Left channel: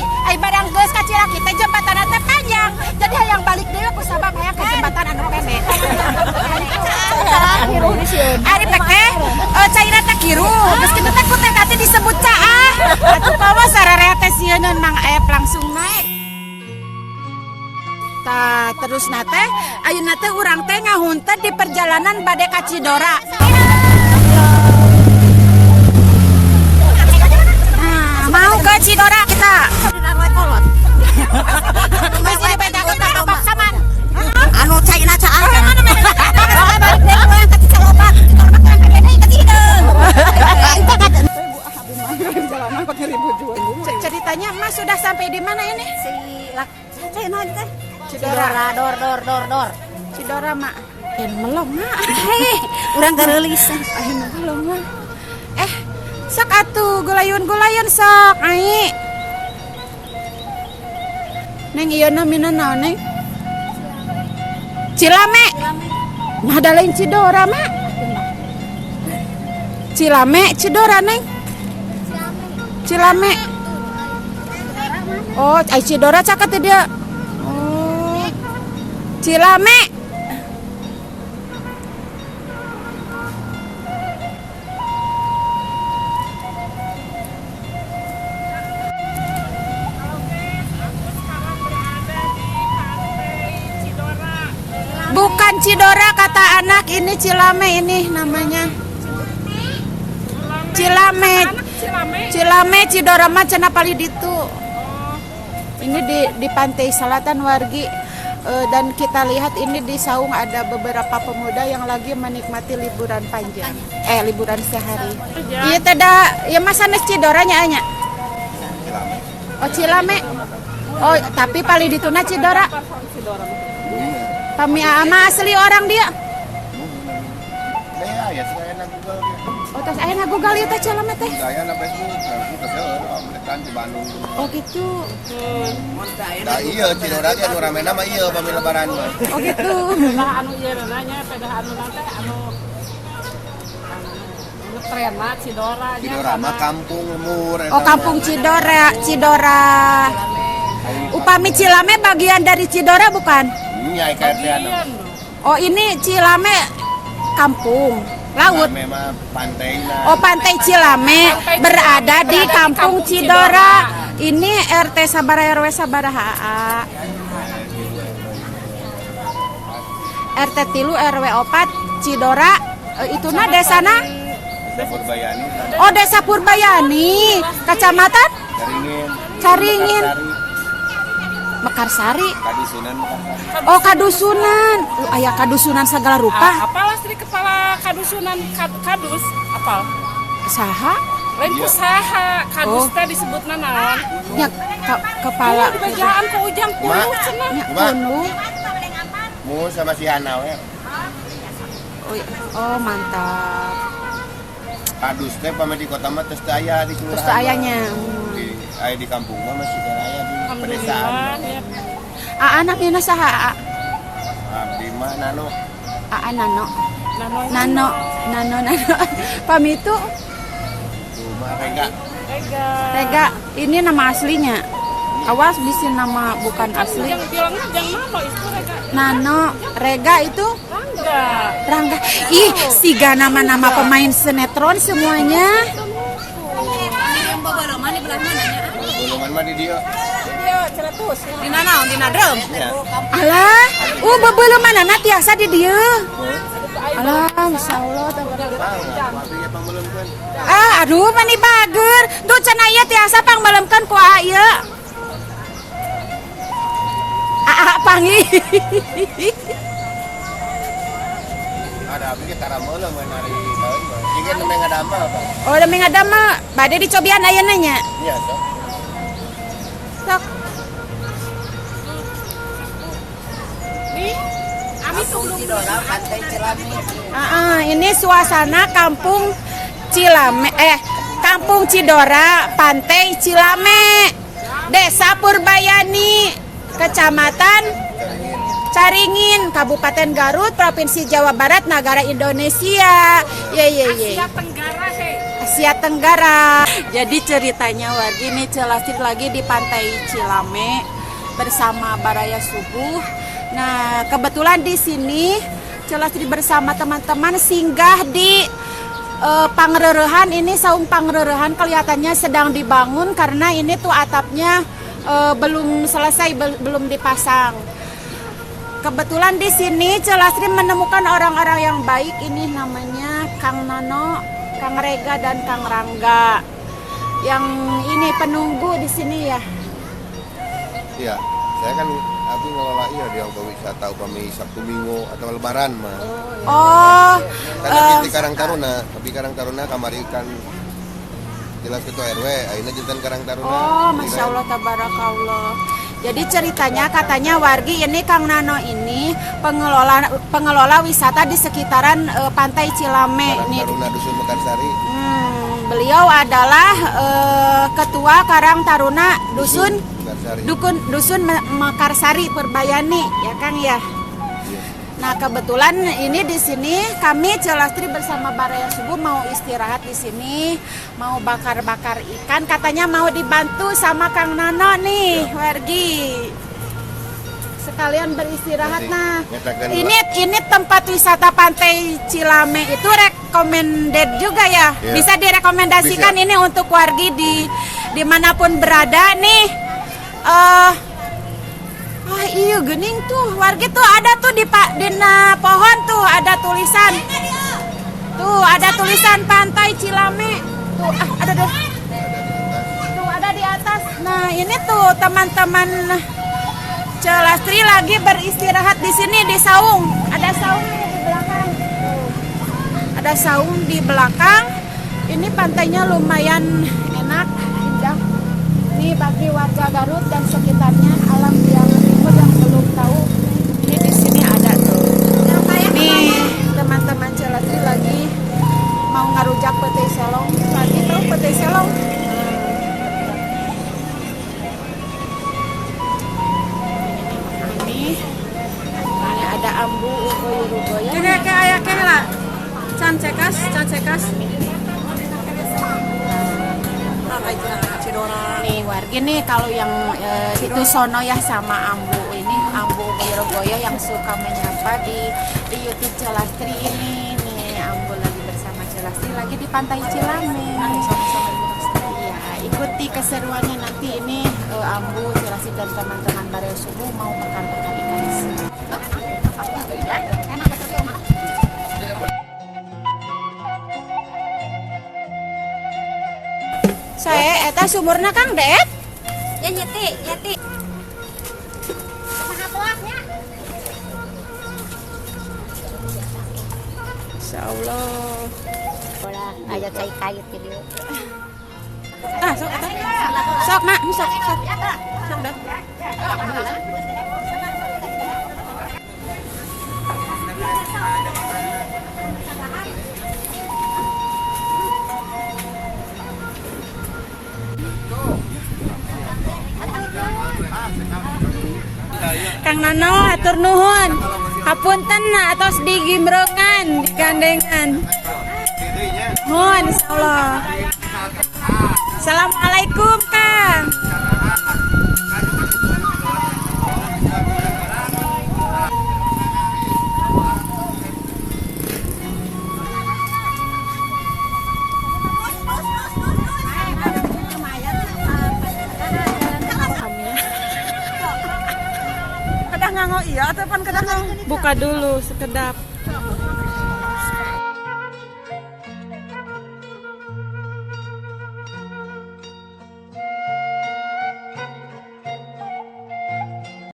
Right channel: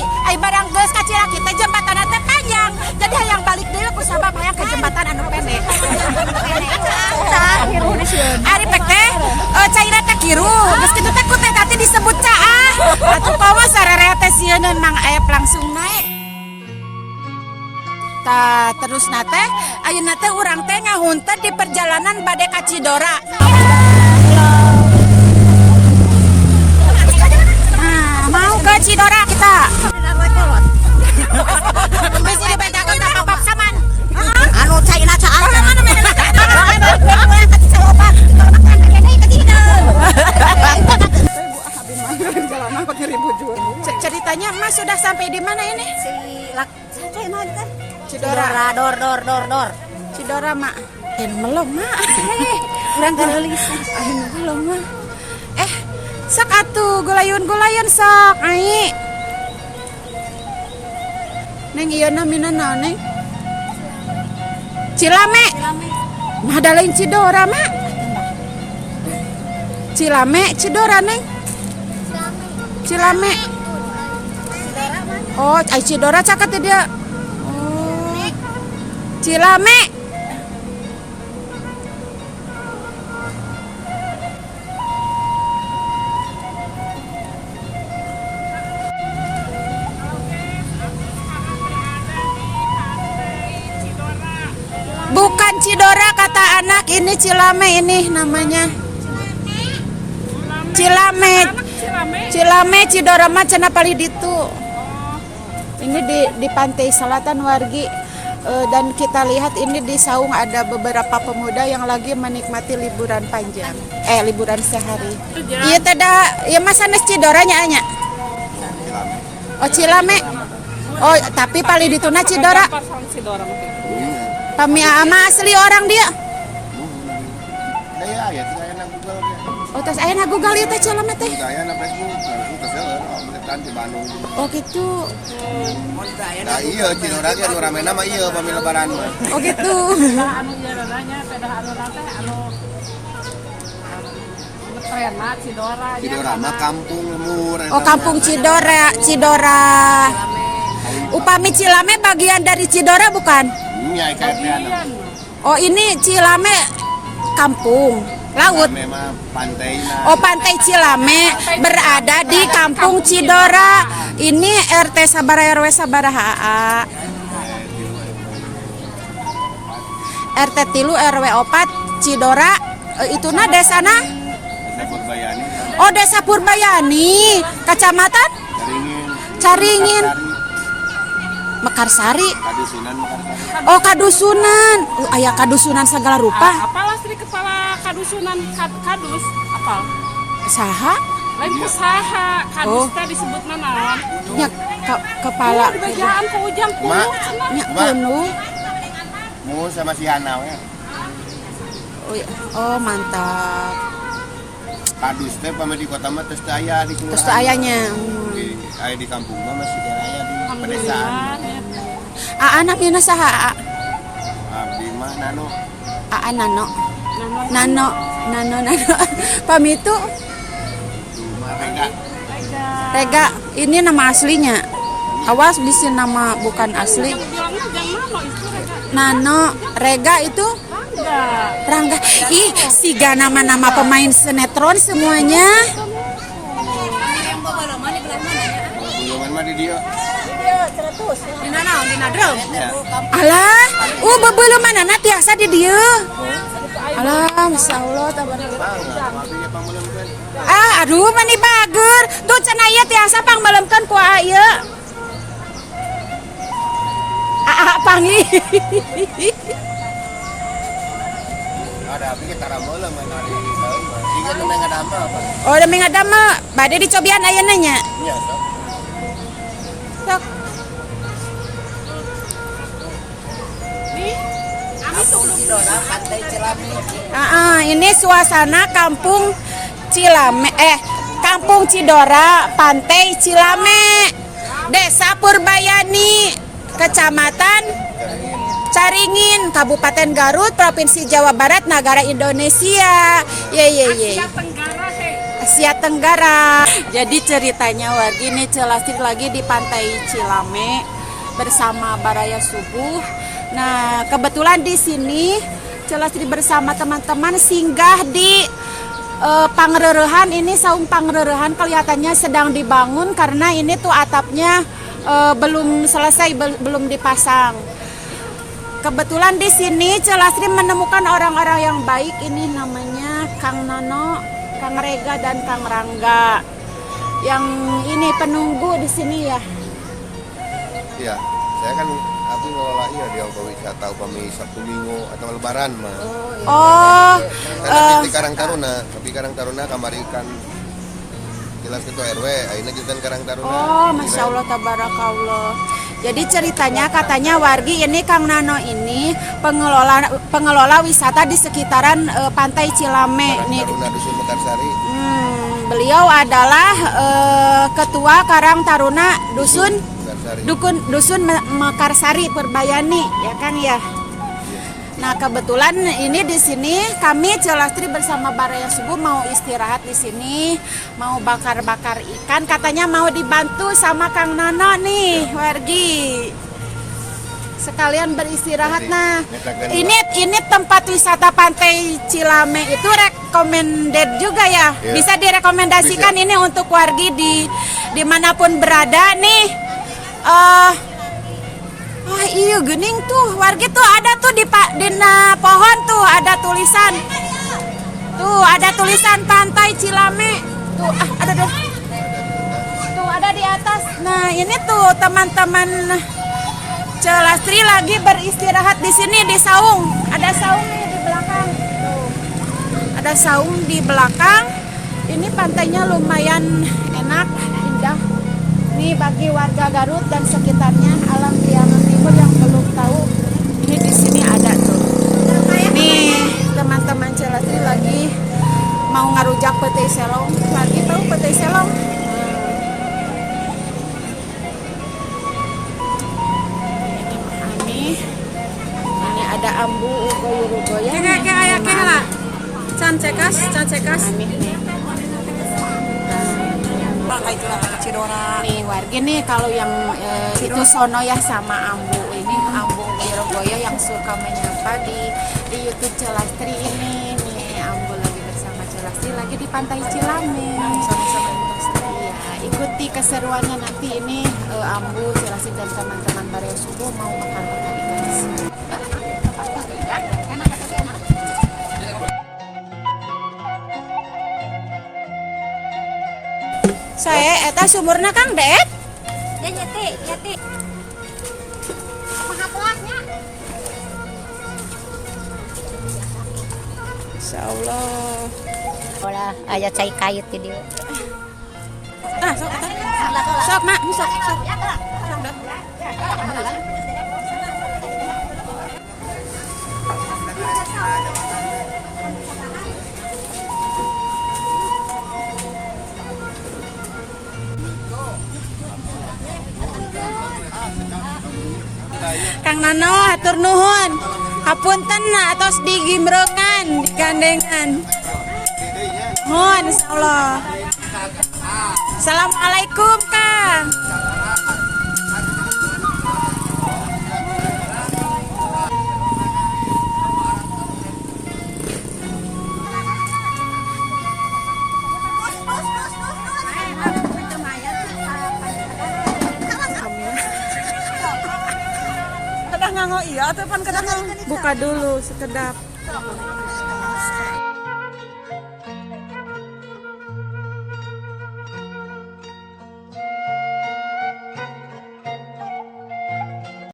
Ai barang geus ka Ciraki teh jembatan teh panjang. Jadi hayang balik deui ku sabab hayang ke jembatan anu pendek. Tah kiru di sieun. Ari teh caira teh kiru. Geus kitu teh ku teh tadi disebut caah. Atuh pawa sararea teh sieun mang aya langsung naik. Tah terus nate ayeuna teh urang teh ngahun teh di perjalanan bade ka Cidora. Mau ke Cidora kita. Besi dibedakan tak kapap saman. Anu caina caah. Ceritanya Mas sudah sampai di mana ini? Cidora, dor. Cidora mak. Melom mak. Urang geulis. Melom mak. Sok atuh gulayun sok ai. Neng ieu na minana neng. Cilame. Mah da lain Cidora mak. Cilame, Cidora neng. Cilame. Oh, ai Cidora caket dia. Oh. Cilame. Bukan Cidora kata anak, ini Cilame ini namanya. Cilame Cidora mah cenah pali ditu. Ini di pantai selatan Wargi. Dan kita lihat ini di saung ada beberapa pemuda yang lagi menikmati liburan panjang. Liburan sehari. Iya teda, ya Mas sanes Cidora nya anya. Oh Cilame. Oh tapi pali dituna Cidora. Kami ama asli orang dia. Ya aya Google. Oh tos aya na Google ieu teh Cilame teh. Aya na Facebook, kita seueur kan di Bandung. Oh gitu. Nah iya Cidora ge anu ramena mah ieu pami lebaran mah. Oh gitu. Cidora mah kampung lemur. Oh kampung Cidora. Upami Cilame bagian dari Cidora bukan? Nya KRT anu. Oh ini Cilame kampung laut. Memang pantai. Oh pantai Cilame berada di kampung Cidora. Ini RT sabaraha RW sabaraha? RT 3 RW 4 Cidora. Ituna desana? Desa Purbayani. Oh Desa Purbayani. Kecamatan? Caringin. Mekarsari. Kadusunan Mekarsari. Oh kadusunan. Aya kadusunan segala rupa. Apalah Sri kepala kadusunan kadus apa? Saha? Lain usaha kadus teh disebutna naon? Nya kepala Kerajaan ke ujang Mak. nya kuno. Mu sama si Hana we. Oh mantap. Kadus teh pame di kota mah teu aya di kelurahan. Terus ayahnya. Aya di kampung mah masih aya di pedesaan. Anaknya saha? Abdi mah Nano. Nano. Pamitu Cuma Rega. Ini nama aslinya. Awas bisi nama bukan asli. Nano, Rega itu Rangga. Ih, siga nama-nama pemain sinetron semuanya. Belum mah di dia. Dina naon? Dina drum. Ya. Alah, bebeuleumana tiasa di dieu. Alah, insyaallah tabarakallah. Wabinya pameuleumkeun. Aduh mani bager. Tuh cenah ieu tiasa pangmeuleumkeun ku ieu. Pangi. Ada abdi kita rameuleuh ngan ari baeung mah. Jiga nemeng ngadamel, Bang. Oh, demi ngadamel bade dicobian ayeuna nya. Iya, sok. Sok. Ini suasana kampung Cilame, kampung Cidora, pantai Cilame, Desa Purbayani, Kecamatan Caringin, Kabupaten Garut, Provinsi Jawa Barat, Negara Indonesia. Ye. Asia Tenggara. Jadi ceritanya wargi nih Celastri lagi di Pantai Cilame bersama Baraya Subuh. Nah, kebetulan di sini Celastri bersama teman-teman singgah di Pangrerehan. Ini saung Pangrerehan kelihatannya sedang dibangun karena ini tuh atapnya belum selesai, belum dipasang. Kebetulan di sini Celastri menemukan orang-orang yang baik. Ini namanya Kang Nono, Kang Rega dan Kang Rangga. Yang ini penunggu di sini ya. Iya, saya kan aku ngelola di Ongko Wisata upami Sabtu Minggu atau Lebaran mah. Oh, Karena di Karang Taruna, tapi Karang Taruna kamari kan jelas ketua RW, akhirnya jantan Karang Taruna. oh, masya Allah, tabarakallah. Jadi ceritanya katanya wargi ini Kang Nano ini pengelola wisata di sekitaran Pantai Cilame. Karang Taruna Dusun Mekarsari. Beliau adalah ketua Karang Taruna Dusun Mekarsari. Dusun Mekarsari Perbayani, ya kan ya. Nah, kebetulan ini di sini kami Celastri bersama Baraya Subuh mau istirahat di sini, mau bakar-bakar ikan. Katanya mau dibantu sama Kang Nono nih, wargi. Sekalian beristirahat. Nah, ini tempat wisata Pantai Cilame itu recommended juga ya. Bisa direkomendasikan ini untuk wargi di dimanapun berada nih. Oh iya gini tuh wargi tuh ada tuh di pohon tuh ada tulisan. Tuh ada tulisan Pantai Cilame. Tuh ada deh. Tuh ada di atas. Nah, ini tuh teman-teman Celastri lagi beristirahat di sini di saung. Ada saung nih di belakang. Tuh. Ada saung di belakang. Ini pantainya lumayan enak, indah. Ini bagi warga Garut dan sekitarnya, alam Priangan Timur yang belum tahu, ini di sini ada tuh. Nih teman-teman Celastri lagi mau ngarujak petai selong. Lagi tahu petai selong? Ini ada ambu ugoyo-ugoyo. Kira kayak ayah kayak lah. Can cekas. Nih wargi nih kalau yang itu sono ya sama ambu ini ambu ugoyo-ugoyo yang suka menyapa di YouTube Celastri ini. Nih ambu lagi bersama Celastri lagi di Pantai Cilame sama-sama ya, ikuti keseruannya nanti ini ambu Celastri dan teman-teman Baraya Subuh mau bakar-bakar ikan di sini. Saya eta sumurna Kang Det. Ya nyeti. Maha pelaknya. Insyaallah. Olah, aya cai kait di dieu. Sok nak, sok. Kang Nano hatur nuhun. Hapunten atos digimrekan, digandengan. Nuhun insyaallah. Assalamualaikum Kang. Kadang nganggo iya, telepon kadang nganggo. Buka dulu sekedap.